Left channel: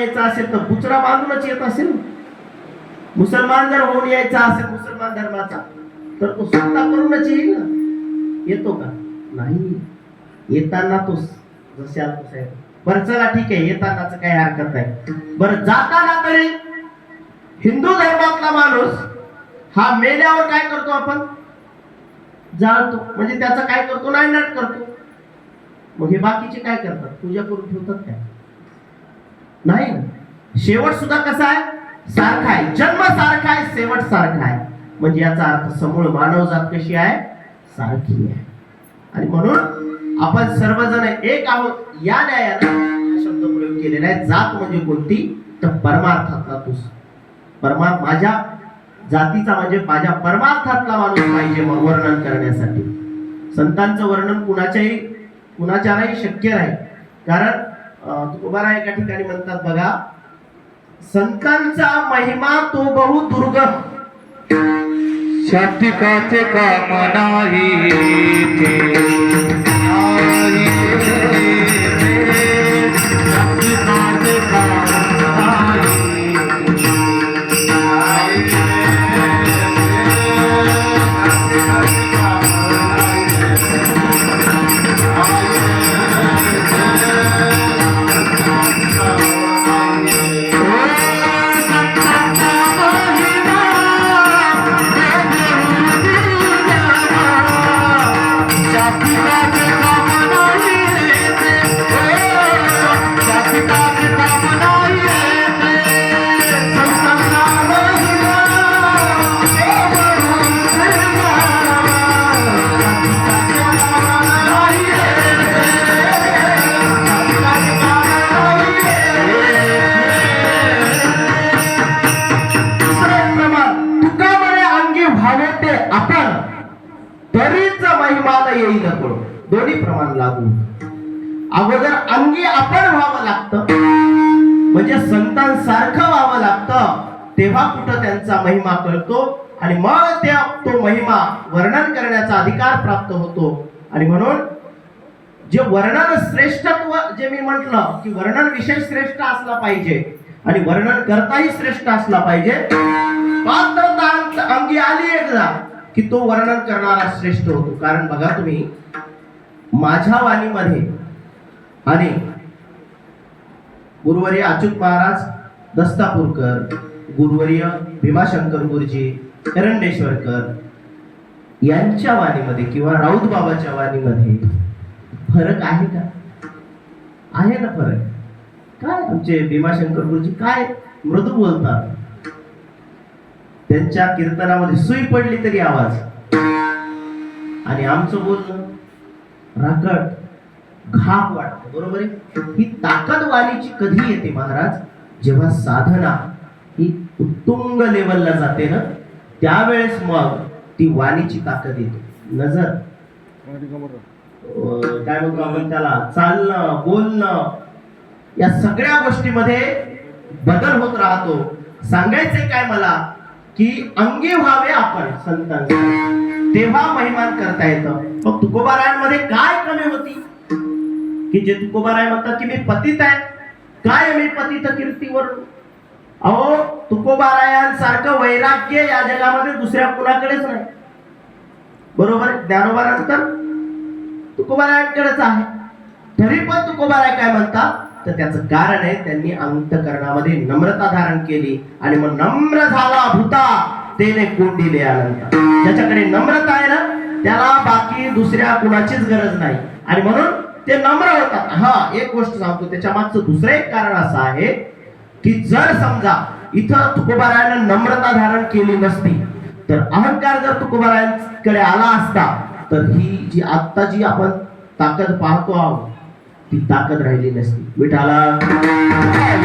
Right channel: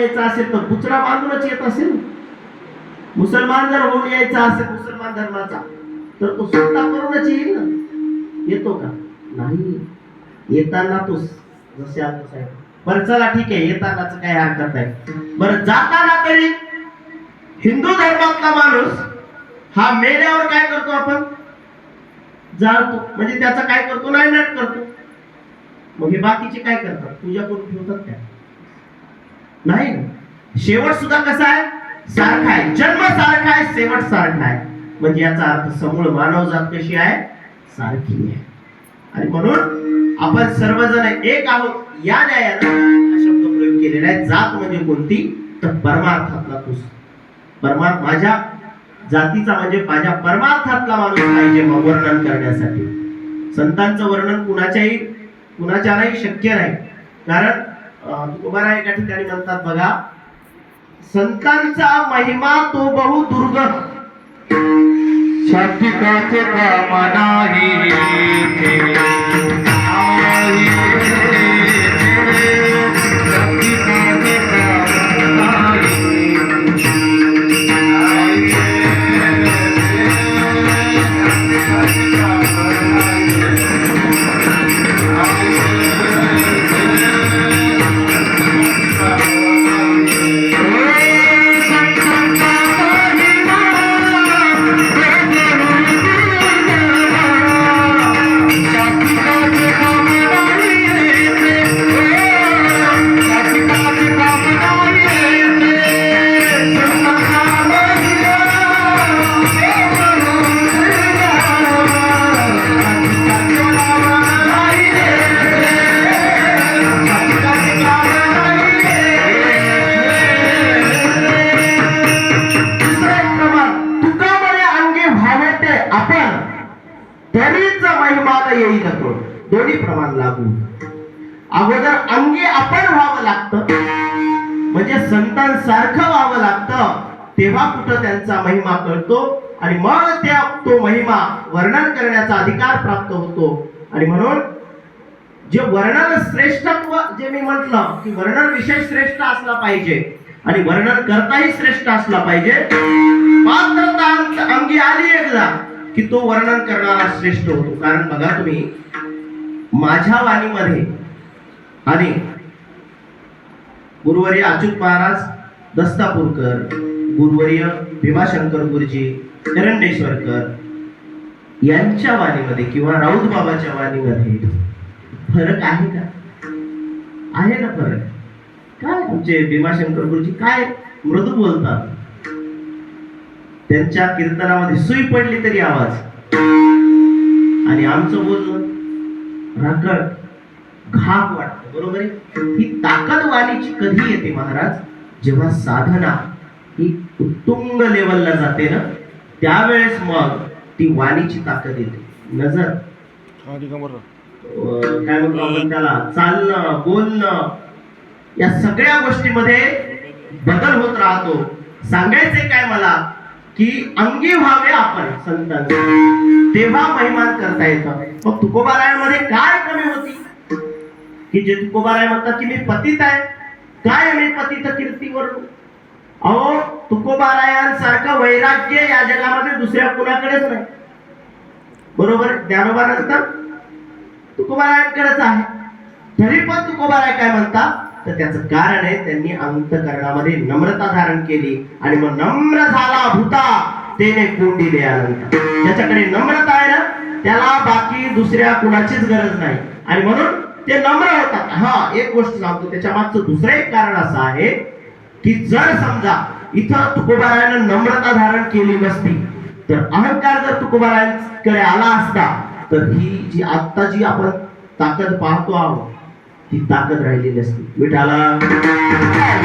यायचा असेल तर बुचडा बांधूनच येत असेल. मुसलमान जर होऊन यायचा असेल मुसलमान धर्माचा तर तो स्वतः करूनच येईल ना. येतो का? नाही. येताना तो जसे आपण साहेब बरं चला ठीक आहे, येतानाच काही हरकत नाही. बरं जाताना तरी हिंदू धर्मातला माणूस हा मेल्यावर काय करतो आपण? जाळतो. म्हणजे त्याचा काय करतो? नायनाट करतो. मग हे बाकीचे काय करतात? पूजा करून ठेवतात काय? नाही. शेवट सुद्धा कसा आहे? सारखा आहे. जन्म सारखा आहे, शेवट सारखा आहे. म्हणजे याचा अर्थ समूळ मानवजात कशी आहे? सारखी आहे. आणि म्हणून आपण सर्वजण एक आहोत या न्यायाला हा शब्द प्रयोग केलेला आहे. जात म्हणजे कोणती? तर परमार्थातला तू. माझ्या जातीचा म्हणजे माझ्या परमार्थातला माणूस पाहिजे वर्णन करण्यासाठी. संतांचं वर्णन कुणाच्याही शक्य नाही. कारण तुकोबाराय एका ठिकाणी म्हणतात बघा, संतांचा महिमा तो बहु दुर्गम, शाब्दिकाचे काम नाही शाब्दिकाचे काम दोन्ही प्रमाण लागू. अगोदर अंगी आपण व्हावं लागतं, म्हणजे संतांसारखं व्हावं लागतं, तेव्हा कुठं त्यांचा महिमा कळतो आणि मग तो महिमा वर्णन करण्याचा अधिकार प्राप्त होतो. आणि म्हणून जे वर्णन श्रेष्ठत्व, जे मी म्हटलं की वर्णन विषय श्रेष्ठ असला पाहिजे आणि वर्णन करताही श्रेष्ठ असला पाहिजे. पात्रता अंगी आली एकदा की तो वर्णन करणारा श्रेष्ठ होतो. कारण बघा तुम्ही, माझ्या वाणीमध्ये आणि गुरुवर्य अच्युत महाराज दस्तापूरकर, गुरुवर्य भीमाशंकर गुरुजी एरंडेश्वरकर यांच्या वाणीमध्ये किंवा राऊत बाबाच्या वाणीमध्ये फरक आहे का? आहे ना फरक. काय आमचे भीमाशंकर गुरुजी काय मृदू बोलतात, त्यांच्या कीर्तनामध्ये सुई पडली तरी आवाज, आणि आमचं बोलणं राकट घाक वाटत. बरोबर आहे. ही ताकद वाणीची कधी येते महाराज? जेव्हा साधना ही उत्तुंग लेवलला जाते ना, त्यावेळेस मग ती वाणीची ताकद येते. नजर काय म्हणतो आपण त्याला, चालणं बोलणं या सगळ्या गोष्टीमध्ये बदल होत राहतो. सांगायचंय काय मला की अंगी व्हावे आपण संतांचे, तेव्हा महिमान करता येतं. मग तुकोबारायांमध्ये काय कमी होती की जे तुकोबाराय म्हणतात की मी पतित आहे, काय मी पतित कीर्तीवर? अहो, तुकोबारायांसारखं वैराग्य या जगामध्ये दुसऱ्या कुणाकडेच नाही. बरोबर. ज्ञानोबानंतर तुकोबारायांकडेच आहे. तरी पण तुकोबाराय काय म्हणतात, तर त्याचं कारण आहे त्यांनी अंतःकरणामध्ये नम्रता धारण केली. आणि मग नम्र झाला भूता तेने कोंडिले अनंत. ज्याच्याकडे नम्रता आहे ना, त्याला बाकी दुसऱ्या कुणाचीच गरज नाही. आणि म्हणून ते नम्र होतात. हा, एक गोष्ट सांगतो, त्याच्या मागचं दुसरं एक कारण असं आहे की जर समजा इथं तुकोबारायानं नम्रता धारण केली नसती, तर अहंकार जर तुकोबारायांकडे आला असता, तर ही जी आता जी आपण ताकद पाहतो आहोत ती ताकद राहिली नसती. विठाला